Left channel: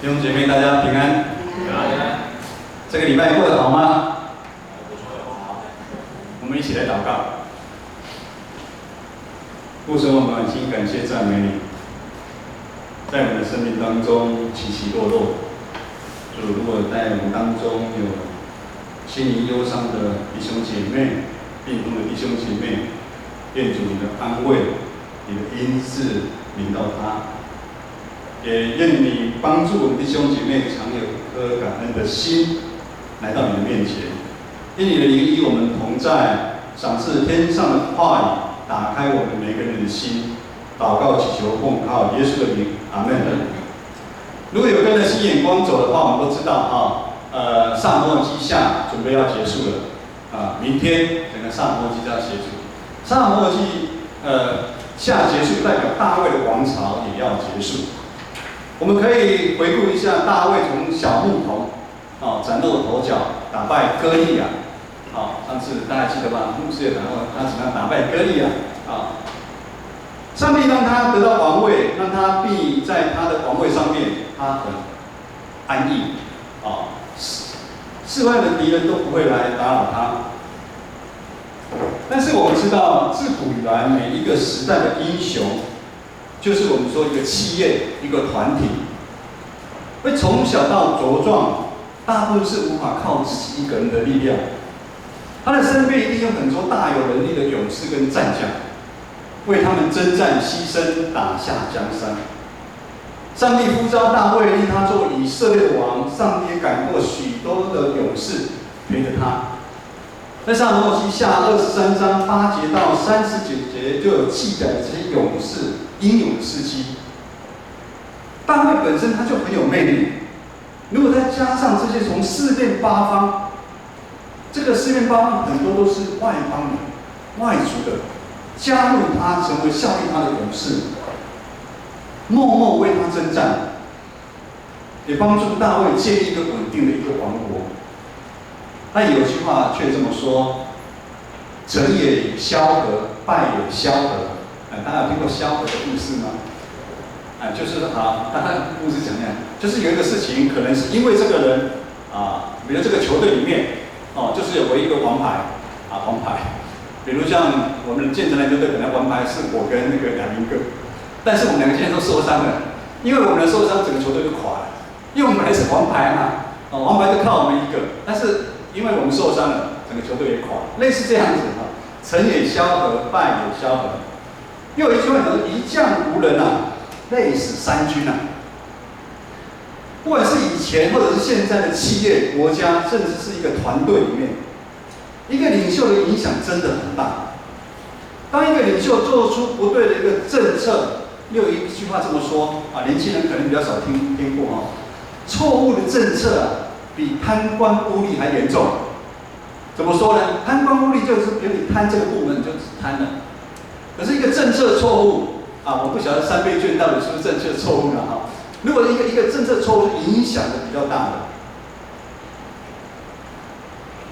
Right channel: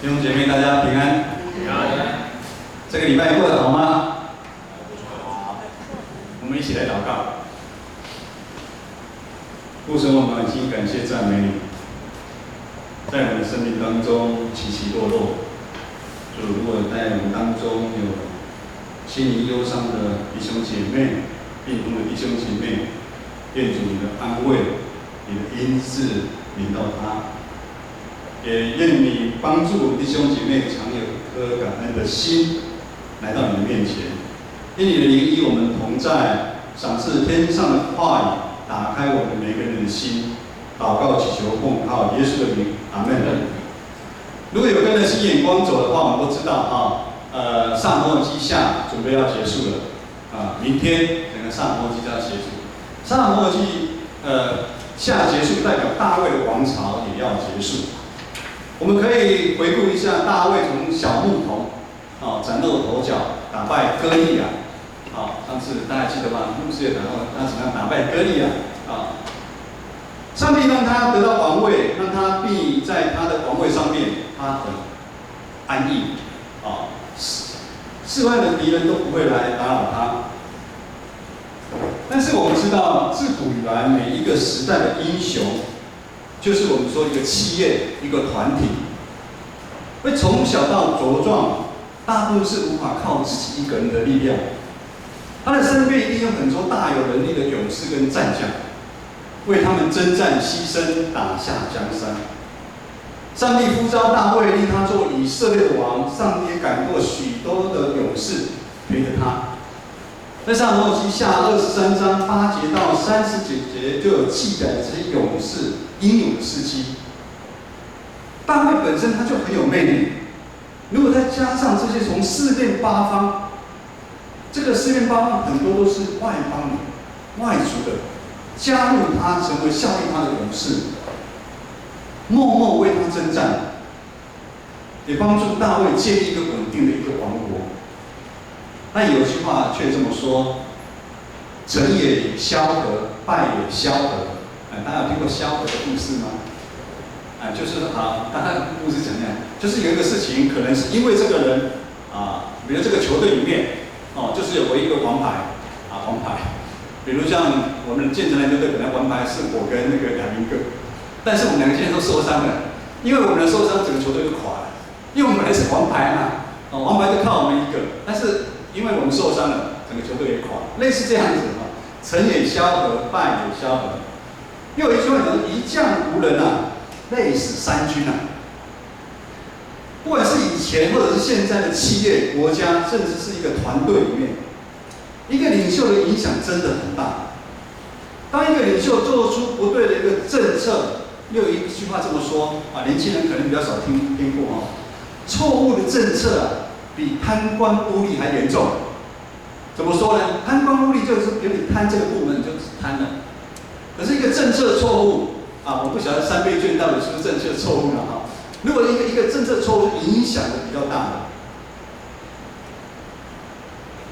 弟兄姐妹，大家平安。平安。这个礼拜过得好吗？我们一起来祷告。父神，我们满心感谢赞美你，在我们的生命当中起起落落。主，如果在我们当中有心灵忧伤的弟兄姐妹、病痛的弟兄姐妹，愿主你的安慰、你的恩赐临到他。也愿你帮助我们弟兄姐妹常有一颗感恩的心来到你的面前，因你的灵与我们同在，赏赐天上的话语，打开我们每个人的心。祷告祈求奉靠耶稣的名，阿门。如果有跟着新眼光走的话，我们都知道上摩尔记下准备要结束了明天整个上摩尔记就要结束。上摩尔记下结束，代表大卫的王朝也要结束。我们可以回顾一下大卫从小牧童崭露头角，打败歌利亚。上次大家记得吧？牧师也讲过他怎么样打败歌利亚上帝让他得到王位，让他必在他的王位上面，他很安逸世外的敌人都不会来打扰他。但是我们知道，自古以来每一个时代的英雄，就是我们说一个企业、一个团体，会从小到茁壮，大部分是无法靠自己一个人的力量。他的身边一定有很多大有能力的勇士跟战将，为他们征战牺牲，打下江山。上帝呼召大卫，令他做以色列的王。上帝也感动许多的勇士陪着他。在撒母耳记下23章8节到39节就有记载这些勇士英勇的事迹。大卫本身他就很有魅力，如果再加上这些从四面八方，这个四面八方很多都是外邦人、外族的，加入他成为效力他的勇士，默默为他征战，也帮助大卫建立一个稳定的一个王国。但有句话却这么说：成也萧何，败也萧何。大家有听过萧何的故事吗？就是大家故事讲讲，就是有一个事情，可能是因为这个人比如这个球队里面就是有唯一一个王牌黄牌。比如像我们建成篮球队本来王牌是我跟那个亚明哥，但是我们两个现在都受伤了，因为我们的受伤，整个球队就垮了。因为我们还是王牌王牌就靠我们一个，但是因为我们受伤了，整个球队也垮了，类似这样子成也萧何，败也萧何。又有一句话讲：一将无人累死三军不管是以前或者是现在的企业、国家，甚至是一个团队里面，一个领袖的影响真的很大。当一个领袖做出不对的一个政策，又有一句话这么说年轻人可能比较少听过错误的政策比贪官污吏还严重。怎么说呢？贪官污吏就是比如你贪这个部门，你就只贪了。可是一个政策错误我不晓得3倍券到底是不是政策错误了如果一个政策错误是影响的比较大的，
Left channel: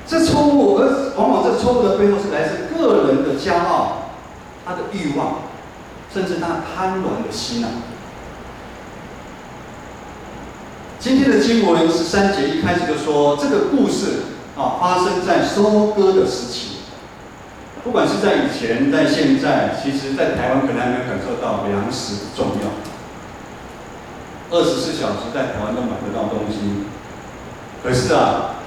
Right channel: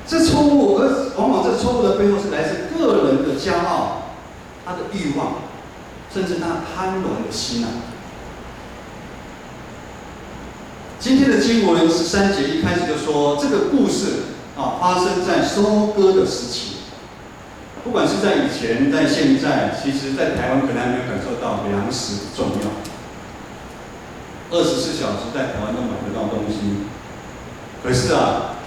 这错误，而往往这错误的背后是来自个人的骄傲、他的欲望，甚至他贪婪的心今天的经文13节一开始就说，这个故事发生在收割的时期。不管是在以前，在现在，其实在台湾可能还没有感受到粮食的重要。24小时在台湾都买得到东西，可是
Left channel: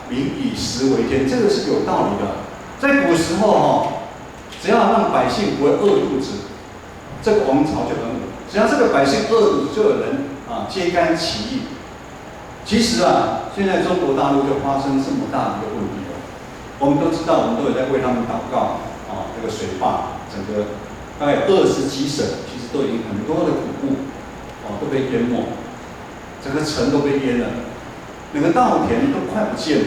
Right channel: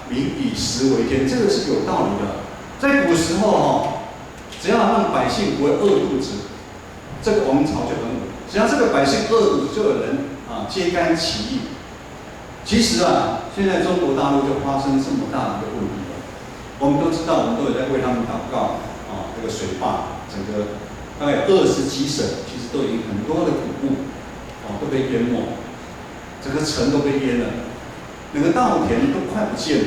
民以食为天，这个是有道理的。在古时候只要让百姓不会饿肚子，这个王朝就很稳。只要这个百姓饿肚子，就有人揭竿起义。其实现在中国大陆就发生这么大的一个问题了。我们都知道，我们都有在为他们祷告这个水坝，整个大概有20几省，其实都已经很多的谷物都被淹没，整个城都被淹了，整个稻田都快不见了。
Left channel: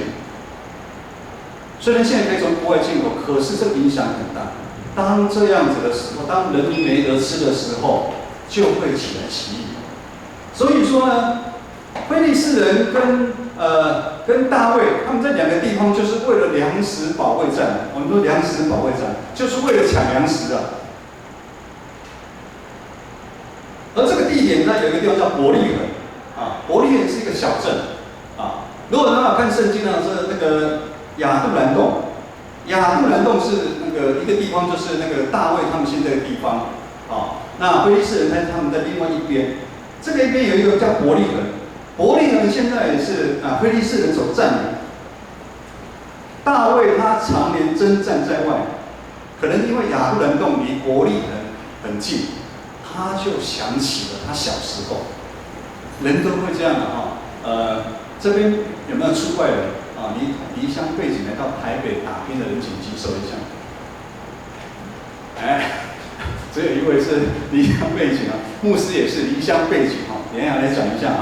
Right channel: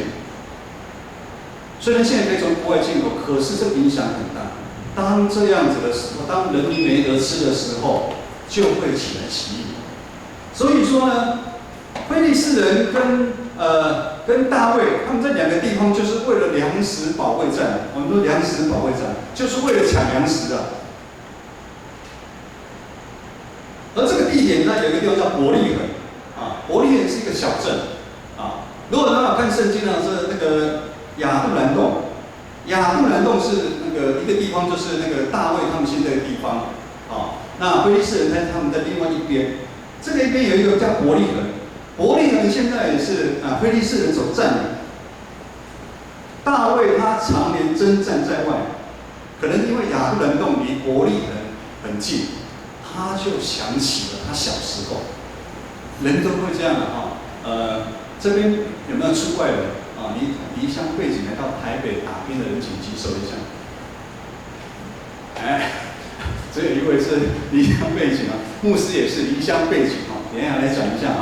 虽然现在可以从国外进口，可是这个影响很大。当这样子的时候，当人民没得吃的时候，就会起来起义。所以说呢，非利士人跟大卫，他们在2个地方就是为了粮食保卫战。我们说粮食保卫战，就是为了抢粮食而这个地点呢，有一个地方叫伯利恒伯利利人是一个小镇啊。如果大家看圣经呢，是那个亚杜兰洞，亚杜兰洞是那个一个地方，就是那个大卫他们现在的地方啊。那非利士人他们在另外一边，这个一边有一个叫伯利恒，伯利恒现在也是非利士人所占领。大卫他常年征战在外，可能因为亚杜兰洞离伯利恒很近，他就想起了他小时候，人都会这样的这边有没有出外人啊？离乡背景来到台北打拼的人，请举手一下。只有一位是离乡背景牧师也是离乡背景等一下来讲一下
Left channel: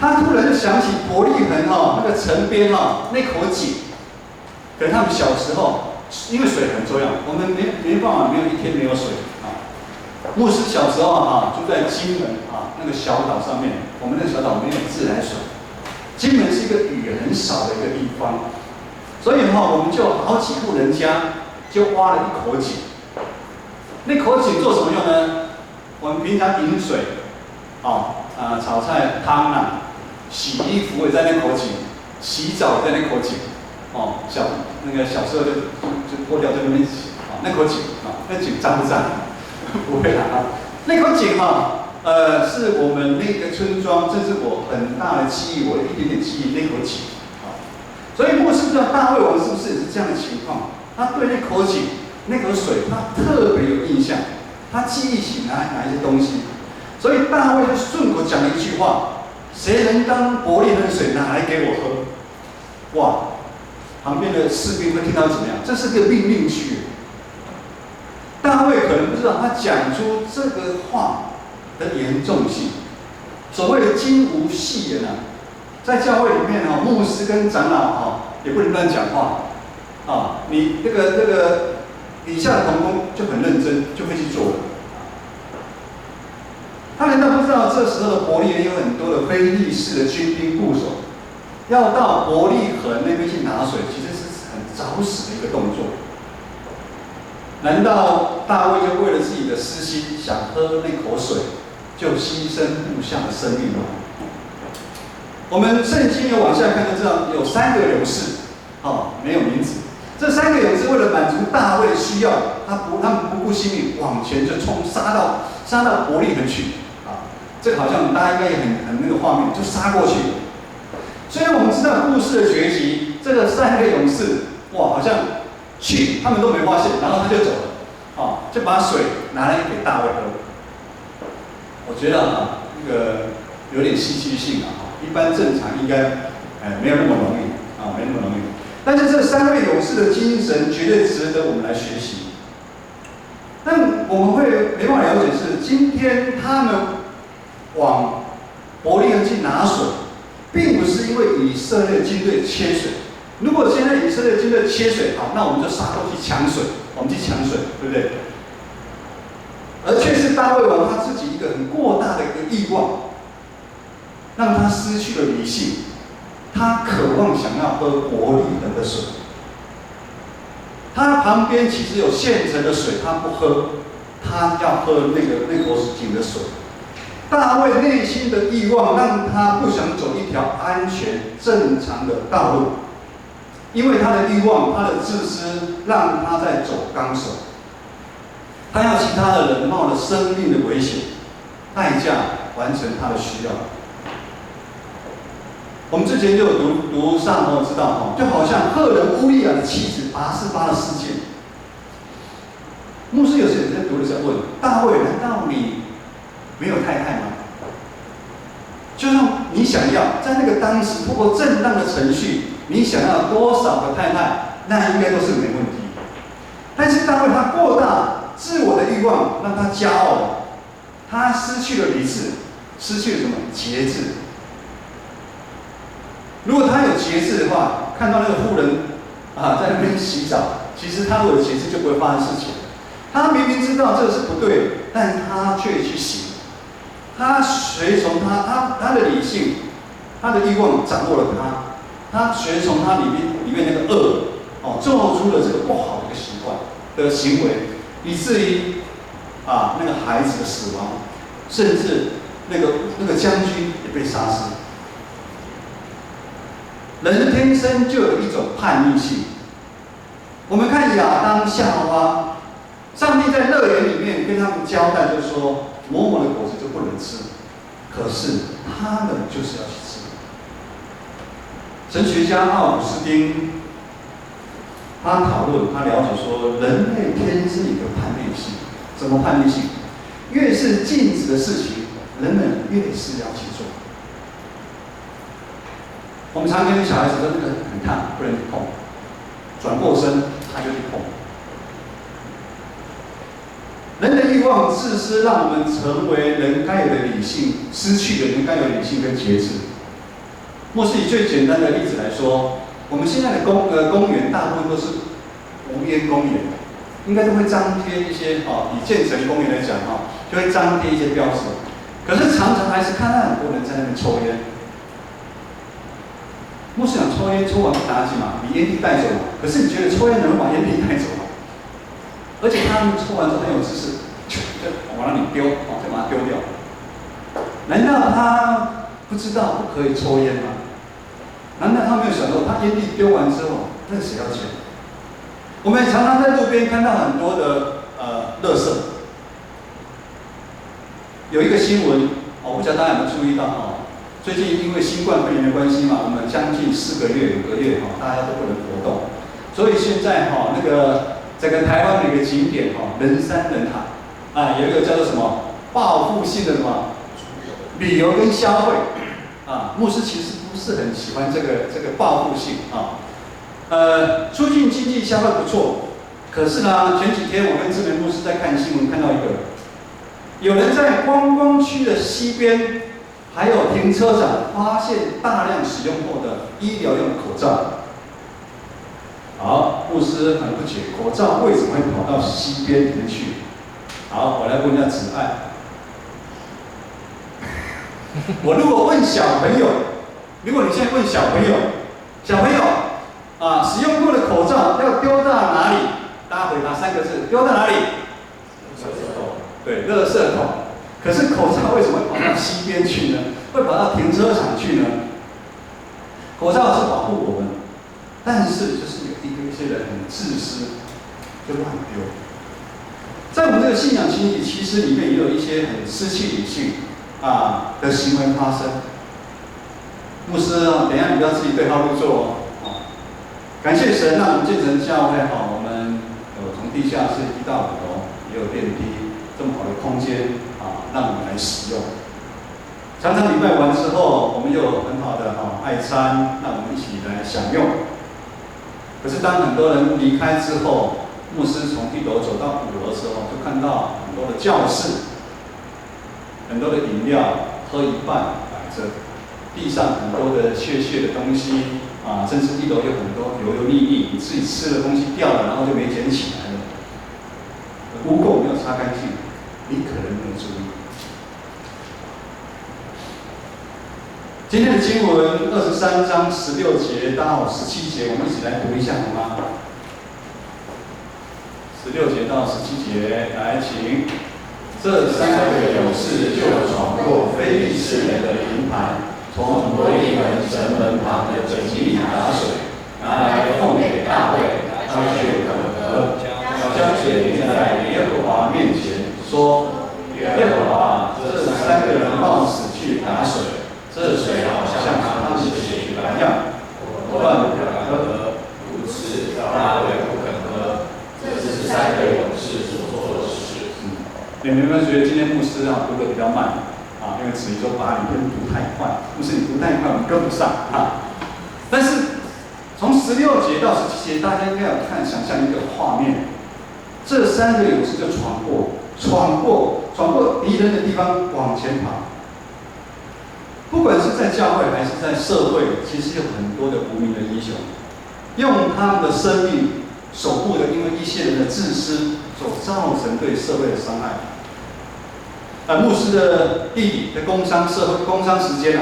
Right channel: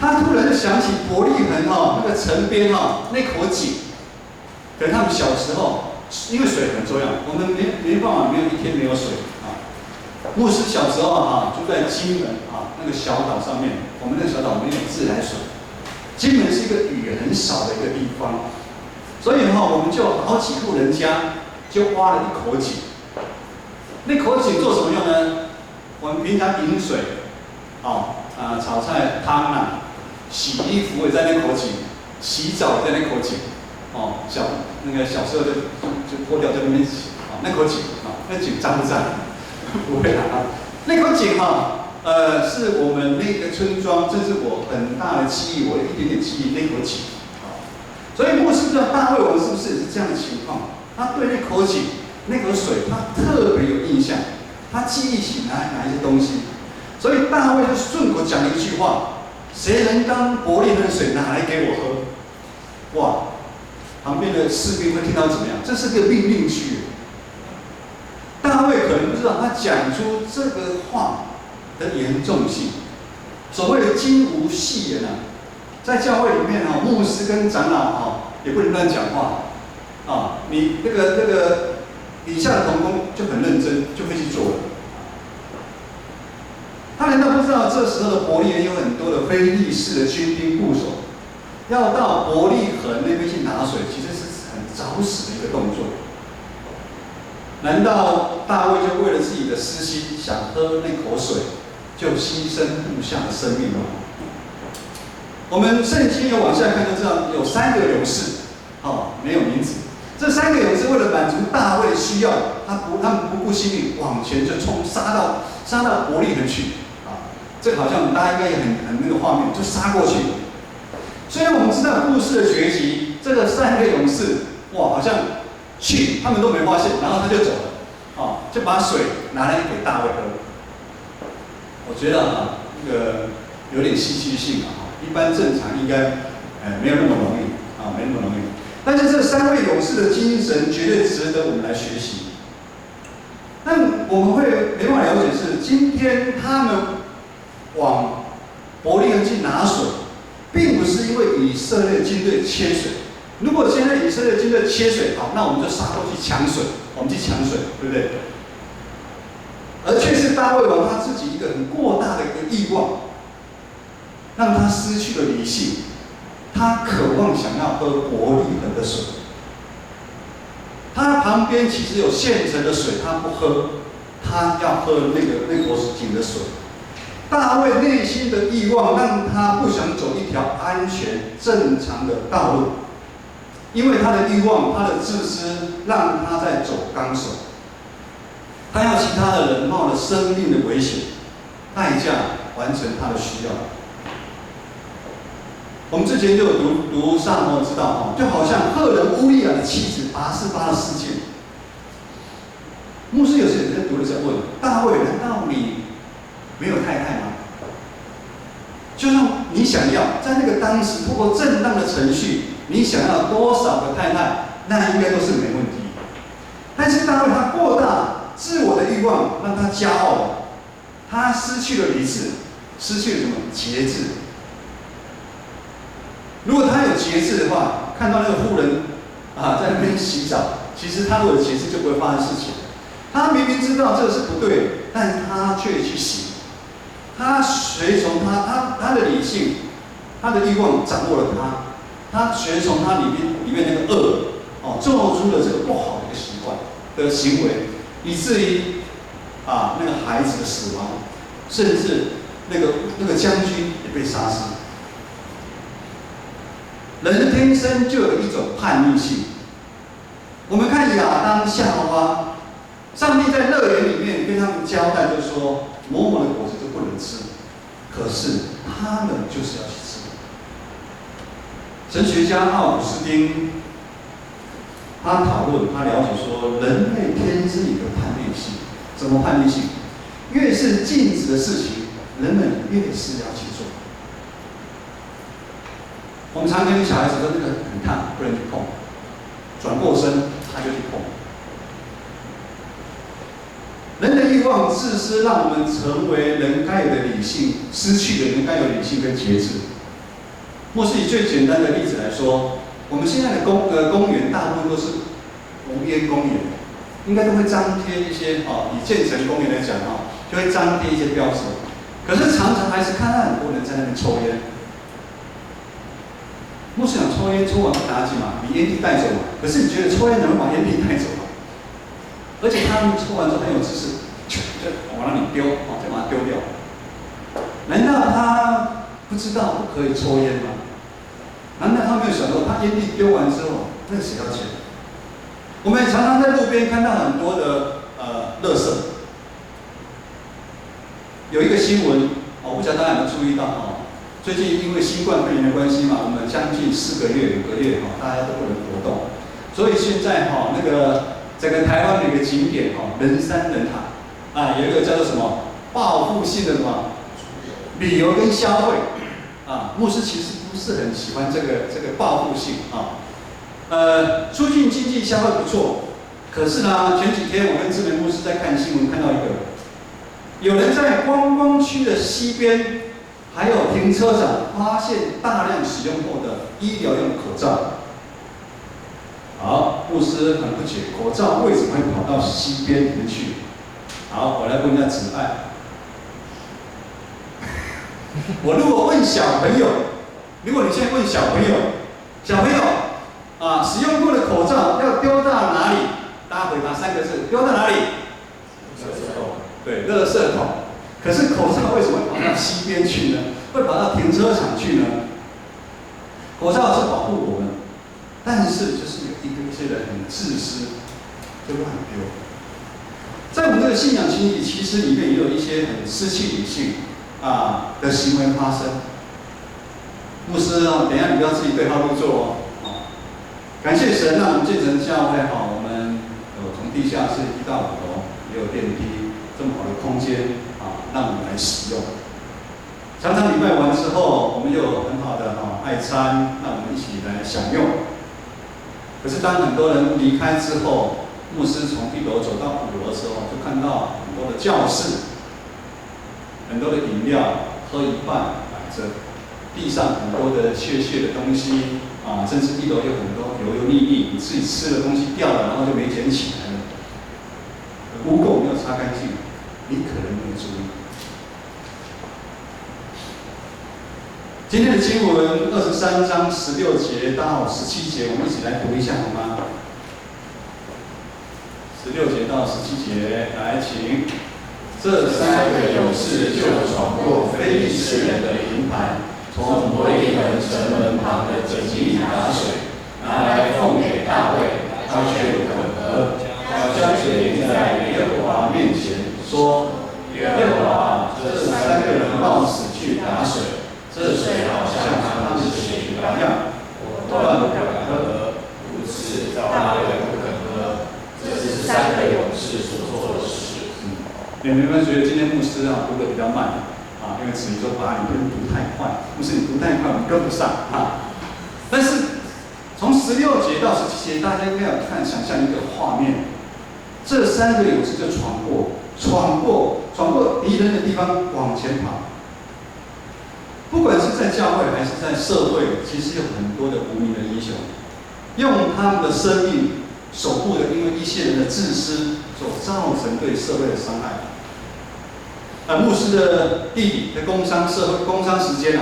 他突然就想起伯利恒那个城边那口井，可能他们小时候因为水很重要，我们没办法没有一天没有水牧师小时候住在金门那个小岛上面，我们那个小岛没有自来水，金门是一个雨很少的一个地方，所以我们就好几户人家就挖了一口井。那口井做什么用呢？我们平常饮水，炒菜汤洗衣服也在那口井，洗澡也在那口井，小时候就脱掉在那边洗，那口井那井脏不脏？不会那口井是我们那个村庄，这是我很大的记忆，我一点点记忆那口井所以牧师不知道大卫王是不是也是这样的情况？他对那口井、那口水，他特别有印象，他记忆起哪一些东西，所以大卫就顺口讲了一句话：谁能当伯利恒的水拿来给我喝？哇！旁边的士兵会听到怎么样？这是个命令句。大卫可能不知道，他讲出这个话的严重性。所谓的金无戏言在教会里面牧师跟长老也不能乱讲话你那个底下的同工就很认真，就会去做了。他难道不知道这时候的伯利恒有很多的非利士的军兵部首，要到伯利恒那边去拿水，其实是很找死的一个动作。难道大卫就为了自己的私心，想喝那口水，就牺牲部下的生命吗？我们圣经有往下看就知道，有3个勇士，没有名字。这3个勇士为了满足大卫的需要，他们不顾性命往前就冲，杀到伯利恒去这个好像大家应该也很那个画面，就杀过去。虽然我们知道故事的结局，这个3个勇士好像去，他们都没发现，然后他就走了就把水拿来给大卫喝。我觉得那个有点戏剧性一般正常应该没有那么容易没那么容易。但是这3位勇士的精神绝对值得我们来学习。但我们会没办法了解是，今天他们往伯利恒去拿水，并不是因为以色列军队缺水。如果现在以色列军队缺水，那我们就杀过去抢水，对不对？而却是大卫王他自己一个很过大的一个欲望，让他失去了理性。他渴望想要喝伯利恒的水，他旁边其实有现成的水，他不喝，他要喝那口井的水。大卫内心的欲望让他不想走一条安全正常的道路，因为他的欲望、他的自私，让他在走钢索。他要其他的人冒了生命的危险代价完成他的需要。我们之前就有读上头知道就好像赫人乌利亚的妻子拔示巴的事件。牧师有些人在读的时候问：大卫，难道你没有太太吗？就算你想要在那个当时通过正当的程序，你想要多少个太太，那应该都是没问题。但是大卫他过大自我的欲望，让他骄傲了，他失去了理智，失去了什么节制。如果他有节制的话，看到那个妇人在那边洗澡，其实他如果有节制就不会发生事情。他明明知道这个是不对，但他却去行。他随从他的理性，他的欲望掌握了他随从他里面那个恶做出了这个不好的一个习惯的行为，以至于那个孩子的死亡，甚至那个将军也被杀死。人天生就有一种叛逆性。我们看亚当夏娃，上帝在乐园里面跟他们交代，就说某某的果子就不能吃，可是他们就是要去吃。神学家奥古斯丁他讨论，他了解说，人类天生有一个叛逆性。什么叛逆性？越是禁止的事情，人们越是要去做。我们常跟小孩子说，那个很烫，不能去碰。转过身，他就去碰。人的欲望、自私，让我们成为人该有的理性，失去了人该有的理性跟节制。莫是以最简单的例子来说，我们现在的公园大部分都是无烟公园，应该都会张贴一些以建成公园来讲就会张贴一些标识。可是常常还是看到很多人在那边抽烟。牧师长抽烟抽完不打紧嘛，你烟蒂带走嘛。可是你觉得抽烟能把烟蒂带走吗？而且他们抽完之后很有知识，就往那里丢，再把它丢掉。难道他不知道不可以抽烟吗？难道他没有想到，他烟蒂丢完之后，那谁要钱？我们常常在路边看到很多的垃圾。有一个新闻，我不知道大家有没有注意到最近因为新冠肺炎的关系嘛，我们将近4个月、5个月大家都不能活动，所以现在整个台湾的一个景点人山人海有一个叫做什么报复性的什么旅游跟消费牧师其实不是很喜欢这个报复性促进经济消费不错，可是呢前几天我跟志明牧师在看新闻，看到有人在观光区的西边。还有停车场发现大量使用过的医疗用口罩。好，牧师很不解，口罩为什么会跑到西边里面去？好，我来问一下子爱。我如果问小朋友，如果你现在问小朋友，使用过的口罩要丢到哪里？大家回答3个字，丢到哪里？垃圾桶。对，垃圾桶。可是口罩为什么会跑到西边去呢？会跑到停车场去呢？口罩是保护我们，但是就是有一些人很自私，就乱丢。在我们这个信仰群体，其实里面也有一些很失去理性的行为发生。牧师等一下你不要自己对号入座感谢神，让我们建成教会我们有从地下室1到5楼，也有电梯，这么好的空间让我们来使用。常常礼拜完之后，我们又有很好的爱餐，让我们一起来享用。可是当很多人离开之后，牧师从1楼走到5楼的时候，就看到很多的教室，很多的饮料喝一半摆着，地上很多的屑的东西甚至1楼有很多油油腻腻，你自己吃的东西掉了，然后就没捡起来了，污垢没有擦干净，你可能没有注意。今天的经文23章16节到17节，我们一起来读一下好吗？16节到17节，来，请。这3个勇士就闯过非利士人的营盘，从伯利恒城门旁的井里打水，拿来奉给大卫，他却肯喝，将水淋在耶和华面前，说：耶和华，这3个人冒死去打水。这水好像他们的血一样，我断不肯喝，如此大卫不肯喝。这是3个勇士所做的事。你们有没有觉得今天牧师读得比较慢因为子怡说把你跟读太快，牧师你读太快我们跟不上但是从16节到17节，大家应该有想象一个画面，这3个勇士就闯过敌人的地方往前跑。不管是在教会还是在社会，其实有很多的无名的英雄，用他们的生命守护了因为一些人的自私所造成对社会的伤害。牧师的弟弟在工商时间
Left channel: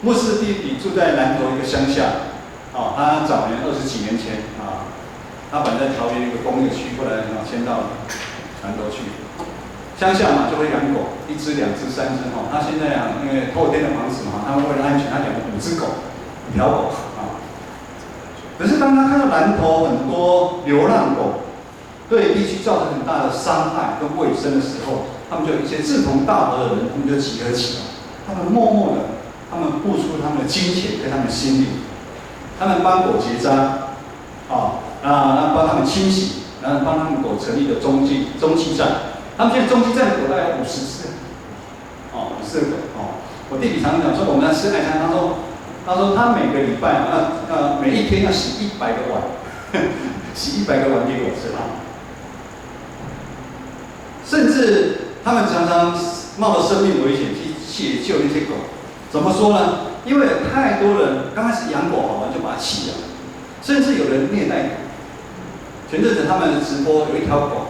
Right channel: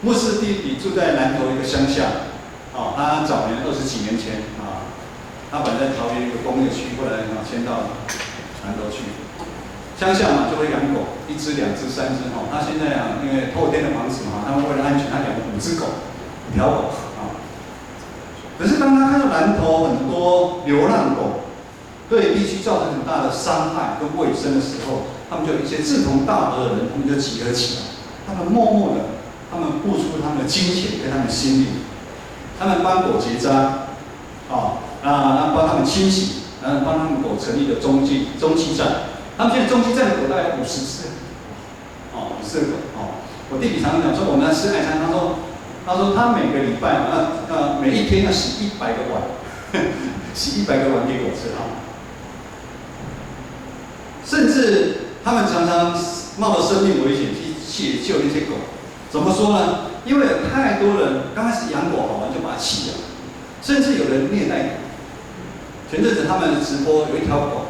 牧师的弟弟住在南投一个乡下他早年20几年前他本来在桃园一个工业区，后来迁到南投去。乡下嘛就会养狗，1只、2只、3只哈。他现在啊，因为透天的房子嘛，他们为了安全，他养了5只狗，5条狗啊。可是当他看到南投很多流浪狗对地区造成很大的伤害跟卫生的时候，他们就有一些志同道合的人，他们就集合起来，他们默默的，他们付出他们的金钱跟他们的心力，他们帮狗结扎，那帮他们清洗，然后帮他们狗成立的中继站。他们现在中继站的狗大概有50只，50个狗。我弟弟常常讲说，我们要吃爱餐，他说他每个礼拜每一天要洗100个碗，洗100个碗给狗吃啊。甚至他们常常冒着生命危险去解救那些狗。怎么说呢？因为有太多人刚开始养狗好玩就把它弃了，甚至有人虐待狗。前阵子他们直播有一条狗，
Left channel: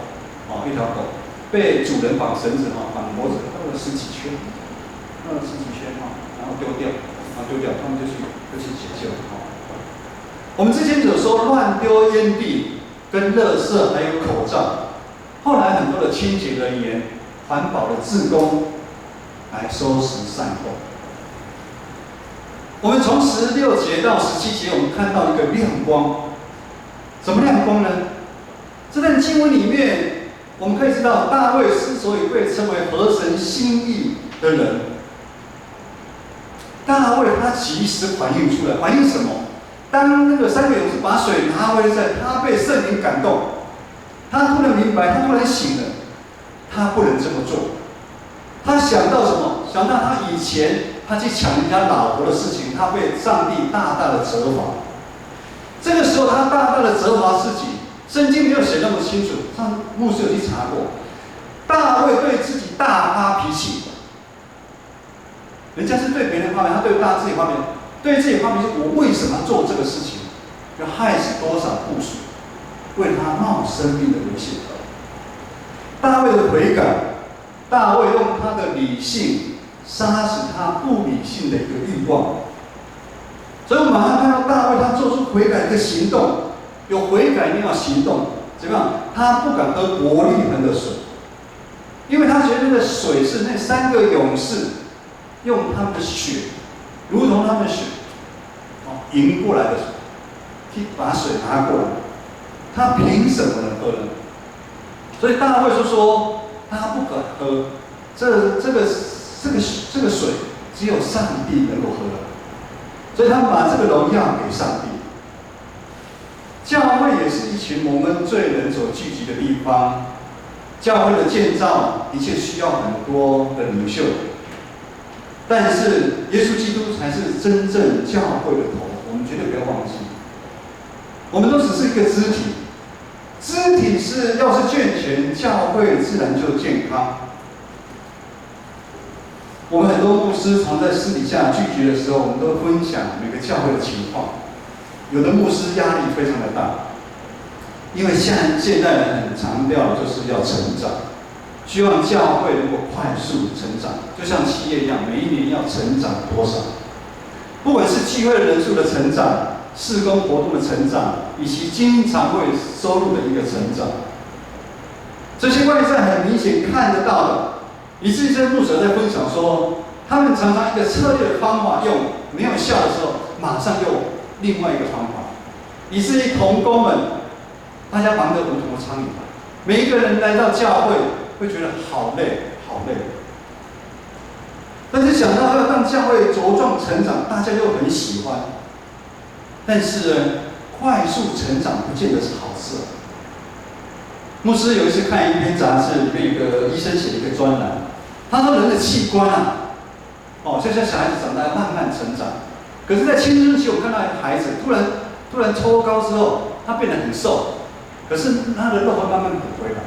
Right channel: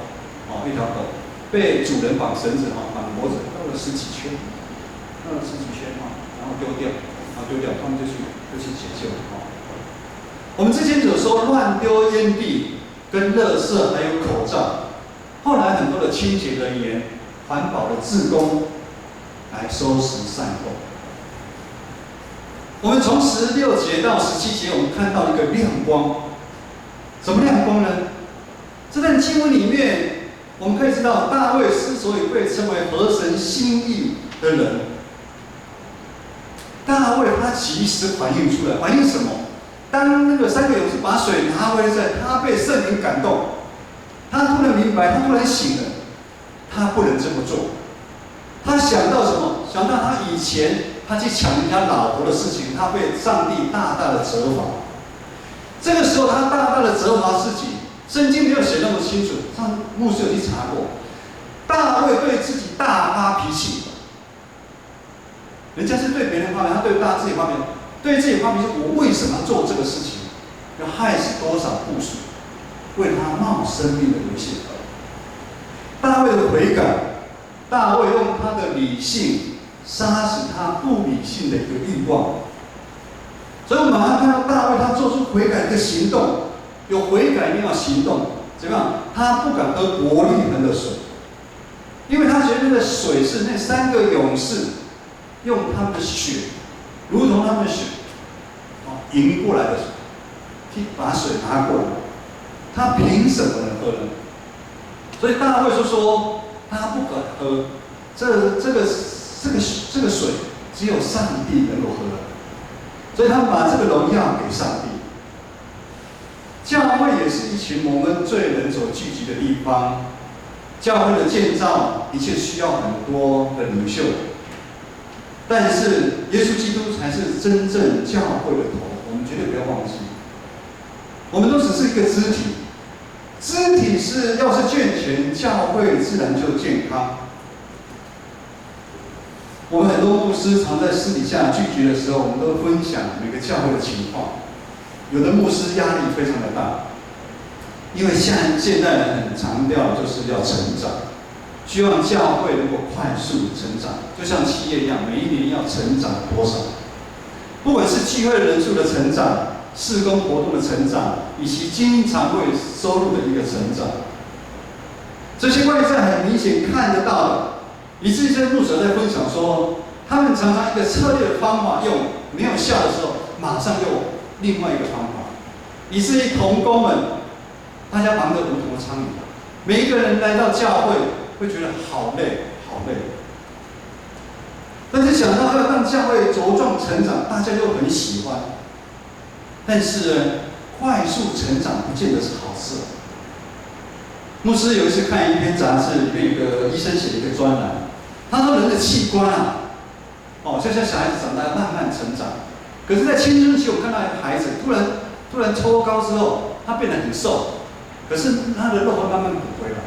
被主人绑绳子绑脖子绕了10几圈，然后丢掉，他们就去解救。我们之前有说乱丢烟蒂、跟垃圾还有口罩，后来很多的清洁人员、环保的志工来收拾善后。我们从16节到17节，我们看到一个亮光。什么亮光呢？这段经文里面，我们可以知道，大卫之所以被称为合神心意的人，大卫他及时反应出来，反应什么？当那个3个勇士把水拿回来，他被圣灵感动，他突然明白，他突然醒了，他不能这么做。他想到什么？想到他以前他去抢人家老婆的事情，他被上帝大大的责罚。这个时候他大大的责罚自己。圣经没有写那么清楚，上牧师有去查过。大卫对自己大发脾气，人家是对别人发脾气，他对自己发脾气，对自己发脾气。我为什么要做这个事情？要害死多少部属，为他冒生命的危险。大卫的悔改，大卫用他的理性杀死他不理性的一个欲望。所以我们马上看到大卫他做出悔改的一个行动。有悔改一定要行动，怎么样？他不敢喝伯利恒的水，因为他觉得那个水是那3个勇士用他们的血，如同他们的血赢过来的水，去把水拿过来，他凭什么能喝呢？所以大卫就说他不敢喝，这个水只有上帝能够喝的，所以他把这个荣耀给上帝。教会也是一群蒙恩罪人所聚集的地方。教会的建造的确需要很多的领袖，但是耶稣基督才是真正教会的头，我们绝对不要忘记。我们都只是一个肢体，肢体要是健全，教会自然就健康。我们很多牧师常在私底下聚集的时候，我们都分享每个教会的情况。有的牧师压力非常的大，因为现代人很强调就是要成长，希望教会能够快速成长，就像企业一样，每一年要成长多少？不管是聚会人数的成长、事工活动的成长，以及经常会收入的一个成长，这些外在很明显看得到的，以至于这些牧者在分享说，他们常常一个策略的方法用没有效的时候，马上用另外一个方法，以至于同工们，大家忙得如同苍蝇，每一个人来到教会会觉得好累，好累。但是想到要让教会茁壮成长，大家又很喜欢。但是呢，快速成长不见得是好事。牧师有一次看一篇杂志，里面有个医生写的一个专栏，他说人的器官就像小孩子长大慢慢成长。可是，在青春期，我看到一个孩子突然抽高之后，他变得很瘦，可是他的肉会慢慢补回来。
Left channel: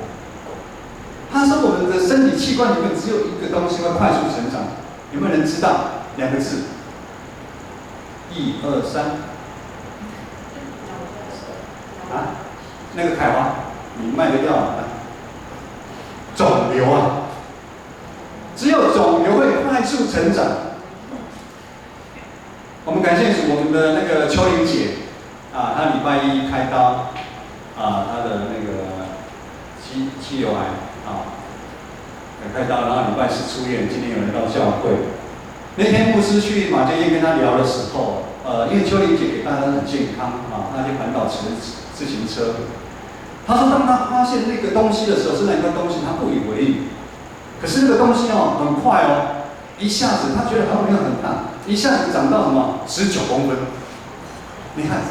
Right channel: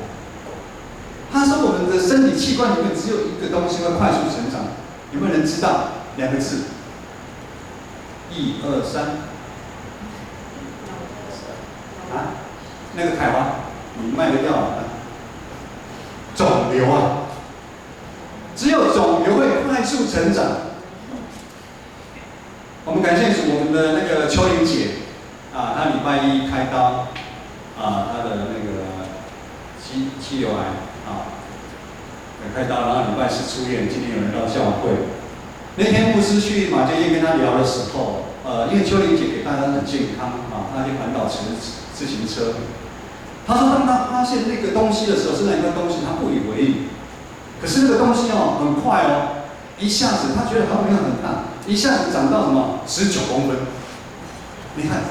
他说，我们的身体器官里面只有一个东西会快速成长，有没有人知道？2个字，1、2、3。那个凯华，你卖的药肿瘤啊，只有肿瘤会快速成长。我们感谢主，我们的那个秋玲姐她礼拜1开刀她的那个肌瘤癌开刀，然后礼拜四出院，今天有人到教会。那天牧师去马街院跟他聊的时候，因为秋玲姐给大家很健康啊，她就环岛骑自行车。他说，当他发现那个东西的时候，是那块东西，他不以为意。可是那个东西哦，很快哦，一下子他觉得好像没有很大，一下子长到什么19公分。你看，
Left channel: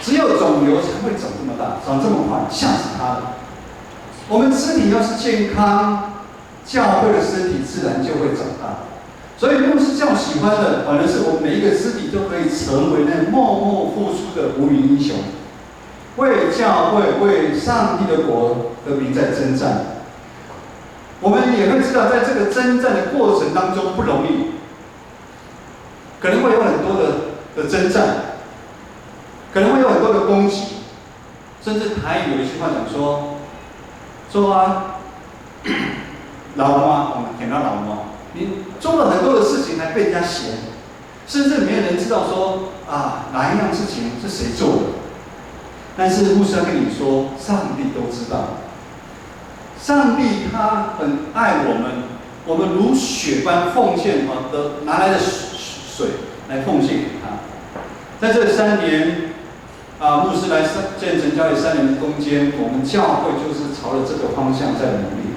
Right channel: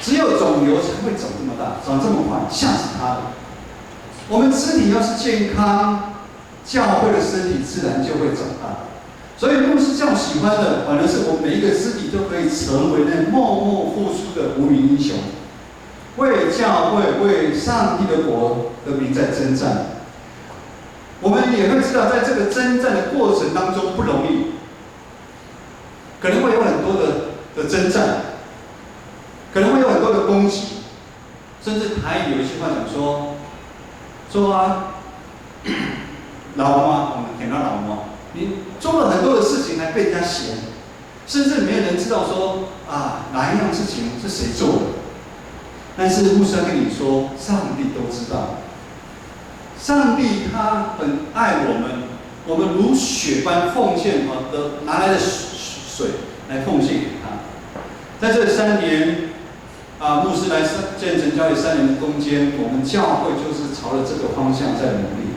只有肿瘤才会长这么大，长这么快，吓死他了。我们肢体要是健康，教会的身体自然就会长大。所以牧师这样喜欢的，反而是我们每一个肢体都可以成为那默默付出的无名英雄，为教会、为上帝的国的名在征战。我们也会知道，在这个征战的过程当中不容易，可能会有很多的征战，可能会有很多的攻击，甚至台语有一句话讲说啊，老吗？我们听到老吗？你做了很多的事情还被人家嫌，甚至没有人知道说啊哪一样事情是谁做的。但是牧师要跟你说，上帝都知道。上帝他很爱我们，我们如血般奉献的拿来的水来奉献给他。在这3年牧师来建成教会3年的中间，我们教会就是朝着这个方向在努力。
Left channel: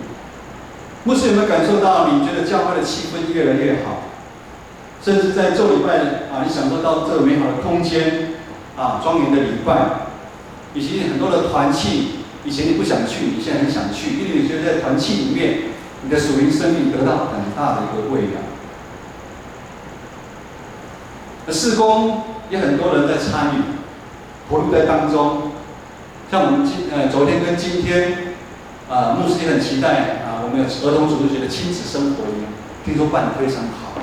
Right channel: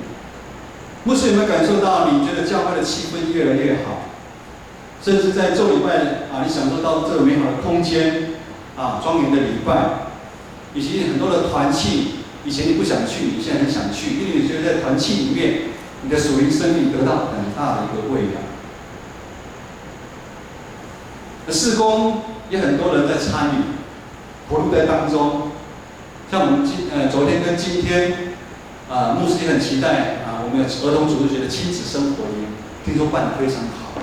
牧师有没有感受到？你觉得教会的气氛越来越好，甚至在做礼拜你享受到这个美好的空间庄严的礼拜，以及很多的团契。以前你不想去，你现在很想去，因为你觉得在团契里面，你的属灵生命得到很大的一个喂养。事工也很多人在参与，投入在当中。像我们昨天跟今天，牧师也很期待我们有儿童主日学的亲子生活营，听说办得非常好。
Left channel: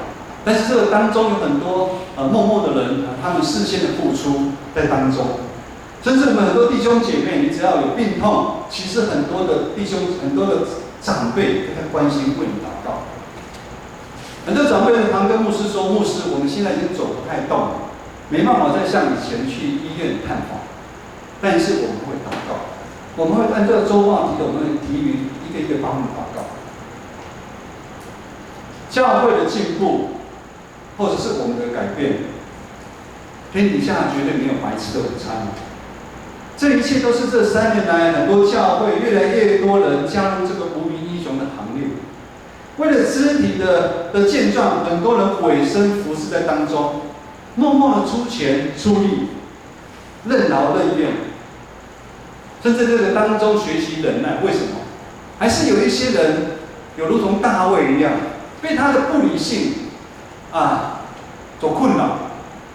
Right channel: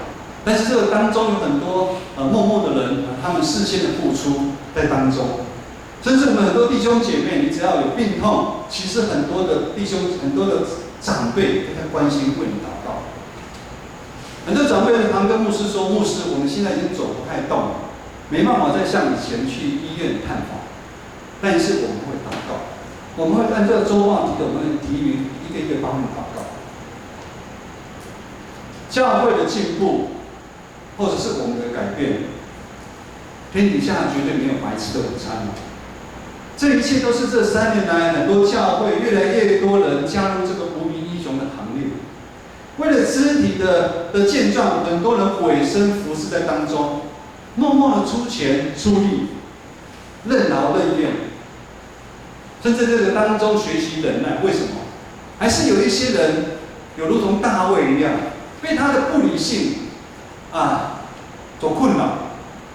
但是这个当中有很多默默的人，他们事先的付出在当中。甚至我们很多弟兄姐妹，你只要有病痛，其实很多的弟兄、很多的长辈都在关心为你祷告。很多长辈常跟牧师说：“牧师，我们现在已经走不太动了，没办法再像以前去医院探访。但是我们会祷告，我们会按照周报提的，我们会提名一个一个帮你祷告。教会的进步，或者是我们的改变，天底下绝对没有白吃的午餐。这一切都是这3年来，很多教会越来越多人加入这个无名英雄的行列。为了肢体的健壮，很多人委身服侍在当中，默默的出钱出力，任劳任怨，甚至这个当中学习忍耐。为什么？还是有一些人有如同大卫一样，被他的不理性所困扰。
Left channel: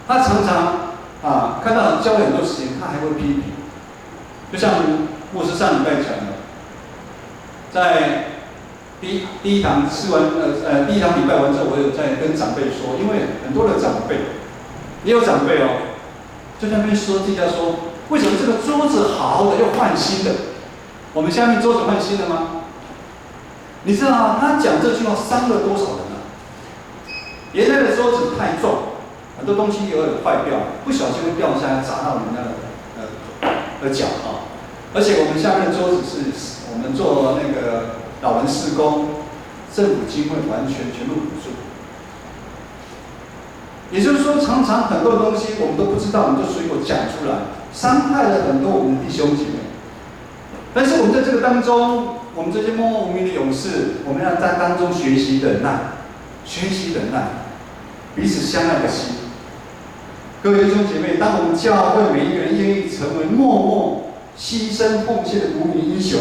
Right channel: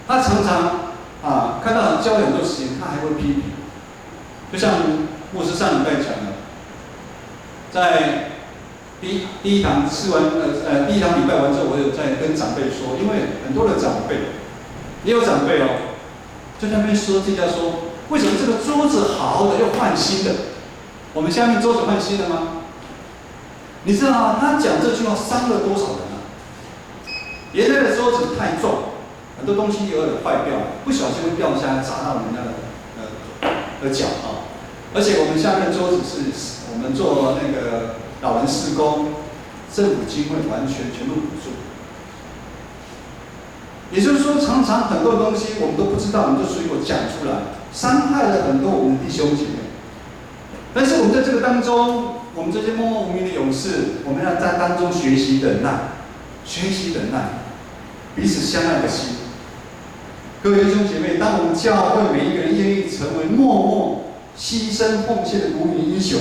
他常常看到教会很多事情，他还会批评。就像牧师上礼拜讲的，在第一堂第一堂礼拜完之后，我有在跟长辈说，因为很多的长辈，也有长辈就在那边说这家说，为什么这个桌子好好的又换新的？我们下面桌子换新的吗？你知道他讲这句话伤了多少人啊？原来的桌子太重，很多东西有点坏掉，不小心会掉下来砸到人家的脚而且我们下面的桌子是我们做那个老人事工，政府经费完全全部补助。也就是说，常常很多东西我们都不知道，我们就随口讲出来，伤害了很多我们的弟兄姐妹。但是我们在这个当中，我们这些默默无名的勇士，我们要在当中学习忍耐，彼此相爱的心。各位弟兄姐妹，当我们教会每一个人愿意成为默默牺牲奉献的无名英雄，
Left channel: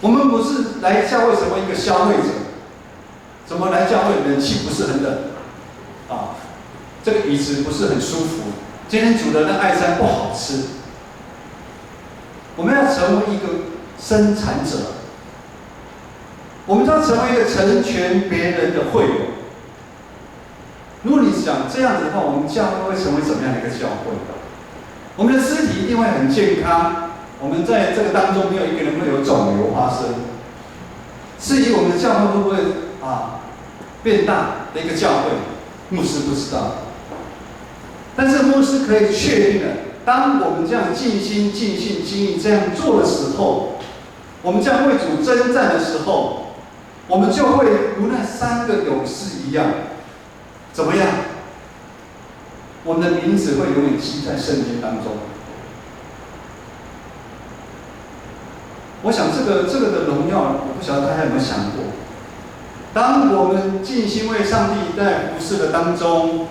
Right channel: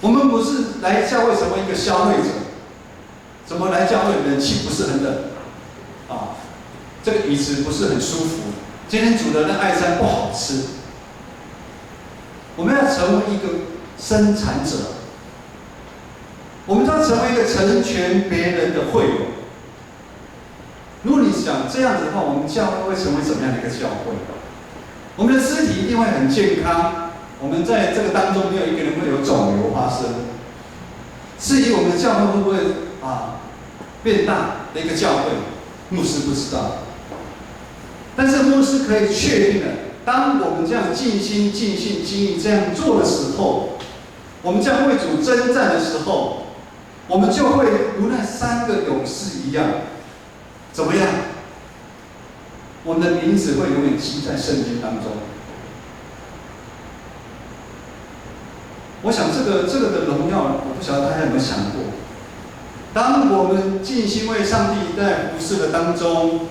我们不是来教会成为一个消费者，怎么来教会冷气不是很冷这个椅子不是很舒服，今天煮的那爱餐不好吃。我们要成为一个生产者，我们要成为一个成全别人的会友。如果你想这样子的话，我们教会会成为什么样的一个教会？我们的肢体一定会很健康，我们在这个当中没有一个人会有肿瘤发生。至于我们的教会会不会变大的一个教会，牧师不知道。但是牧师可以确定的，当我们这样尽心尽性尽力这样做的时候，我们将为主征战的时候，我们就会如那3个勇士一样，怎么样？我们的名字会永远记在圣经当中。我想这个的荣耀，我不晓得大家有没有想过，当我们尽心为上帝在服侍的当中，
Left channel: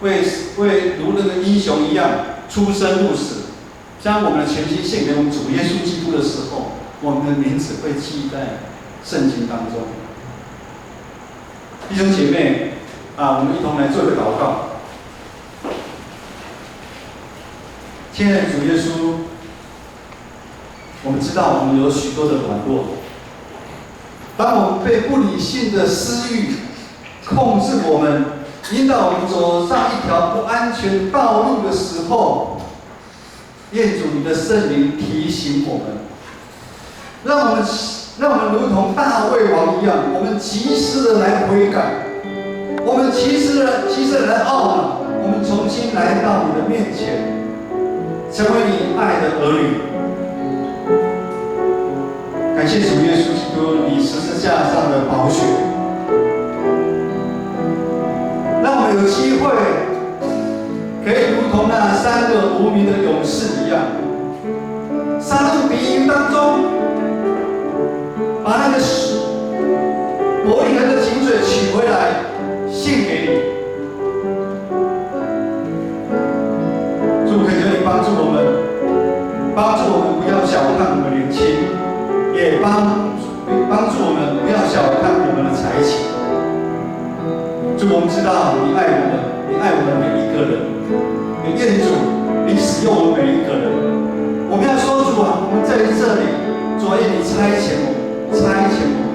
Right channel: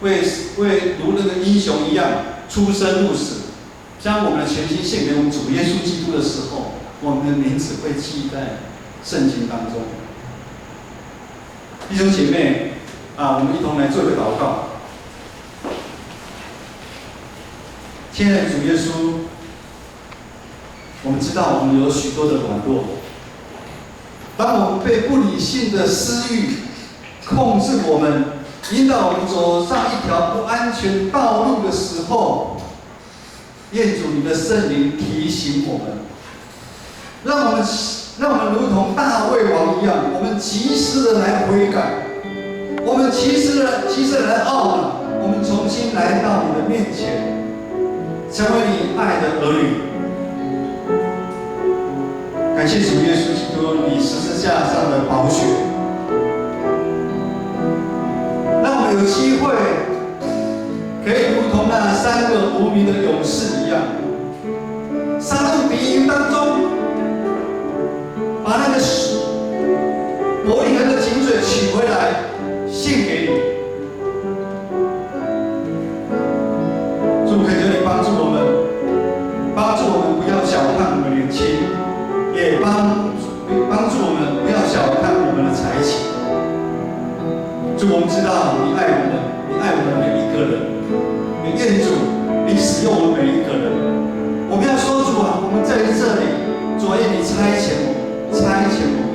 为如那个英雄一样出生入死，将我们的全心献给我们主耶稣基督的时候，我们的名字会记在圣经当中。弟兄姐妹我们一同来做一个祷告。亲爱的主耶稣，我们知道我们有许多的软弱，当我们被不理性的私欲控制我们，引导我们走上一条不安全道路的时候，愿主你的圣灵提醒我们，让我们如同大卫王一样，我们及时的来悔改，我们及时的来懊恼，我们重新来到你的面前，成为你爱的儿女。感谢主耶稣基督，你十字架上的宝血，让我们有机会可以如同那3个无名的勇士一样，杀入敌营当中，把那个伯利恒的井水取回来，献给你。主，恳求你帮助我们不要小看我们年轻，也帮助我们不要小看我们的才情。主，我们知道你爱我们，你爱我们每一个人，也愿主你使用我们每一个人。我们要说主啊，我们在这里，主啊，愿你差遣我们，差遣我们。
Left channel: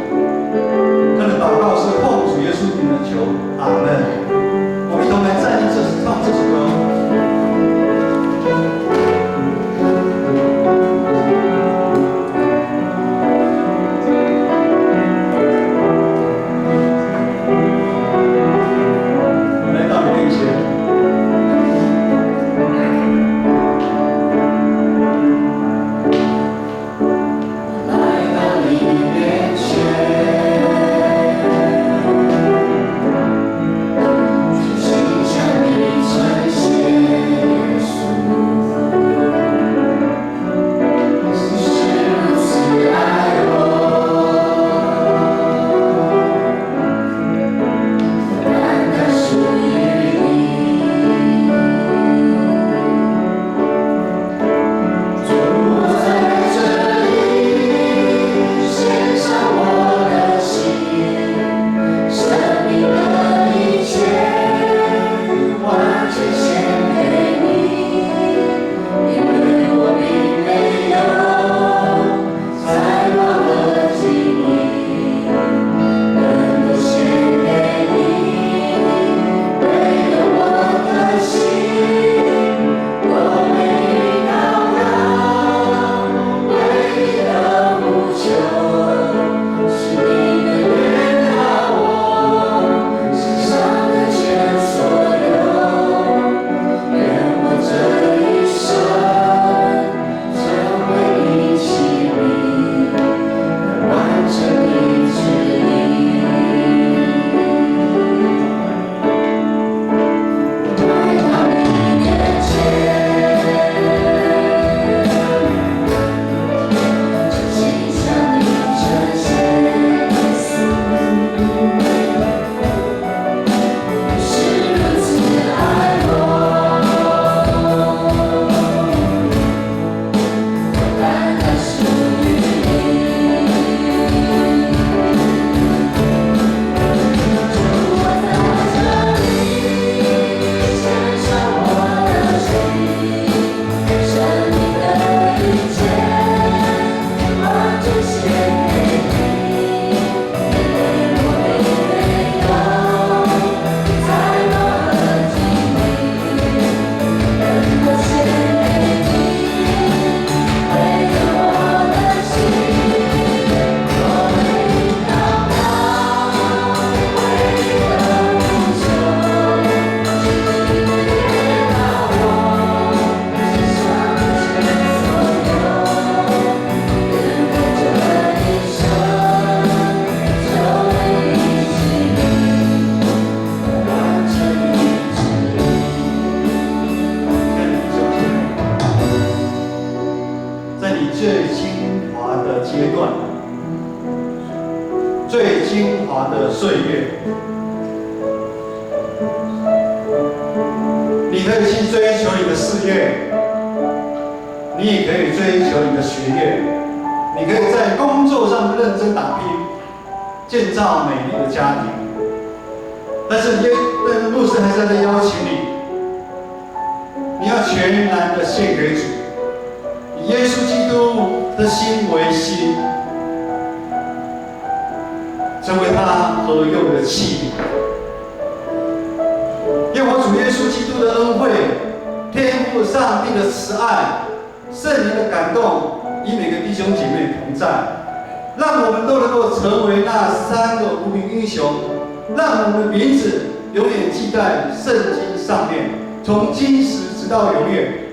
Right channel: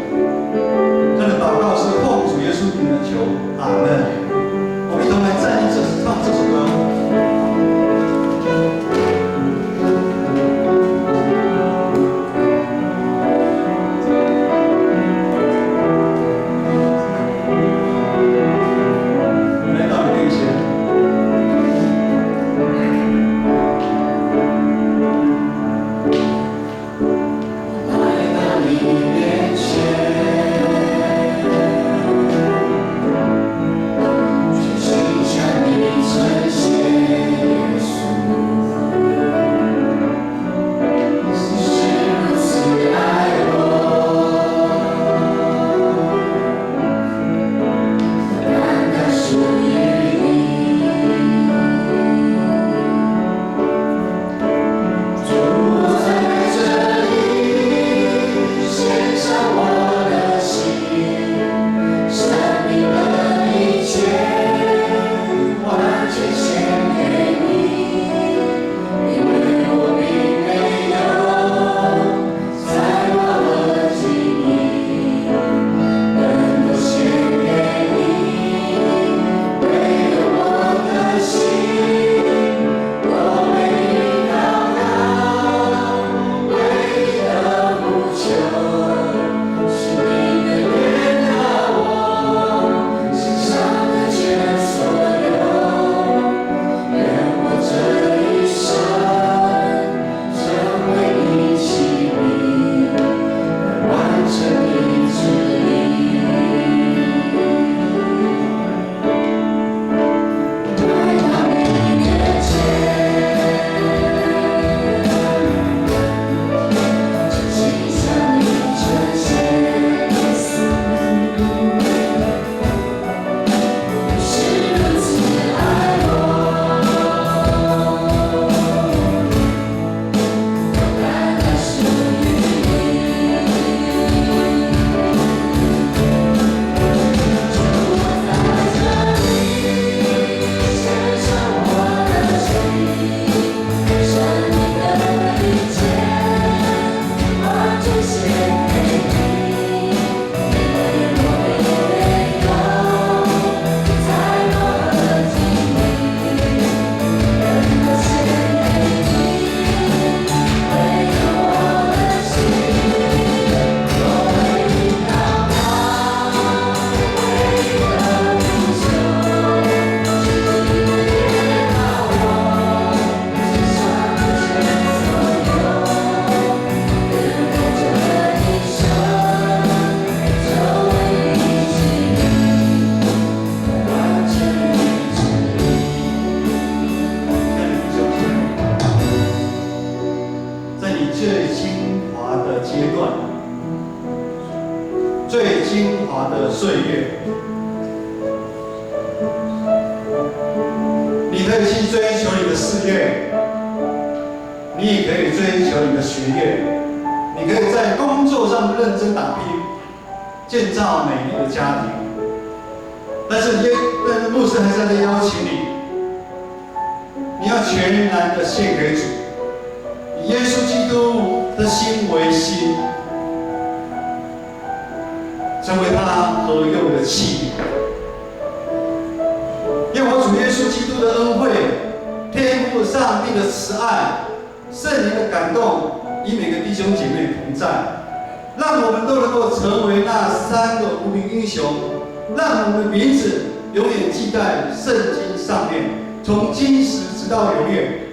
他的祷告是奉主耶稣名的求，阿门。我们一同来站立唱这首歌。来到你最精华的岁月。你可以去追求你的事业，你也可以追求你的学业，你可以在工作上认真打拼，建造美丽的家庭。但是牧师还是在邀请你，你要全然的献给主，以耶稣基督的心为心，成为他合用的器皿。愿我主耶稣基督的恩惠、天父上帝的慈爱、圣灵的感动，与每个弟兄姐妹同在，让我们都能够成为那3个无名英雄，让我们的名字永远记在圣经上面，从今时直到永远。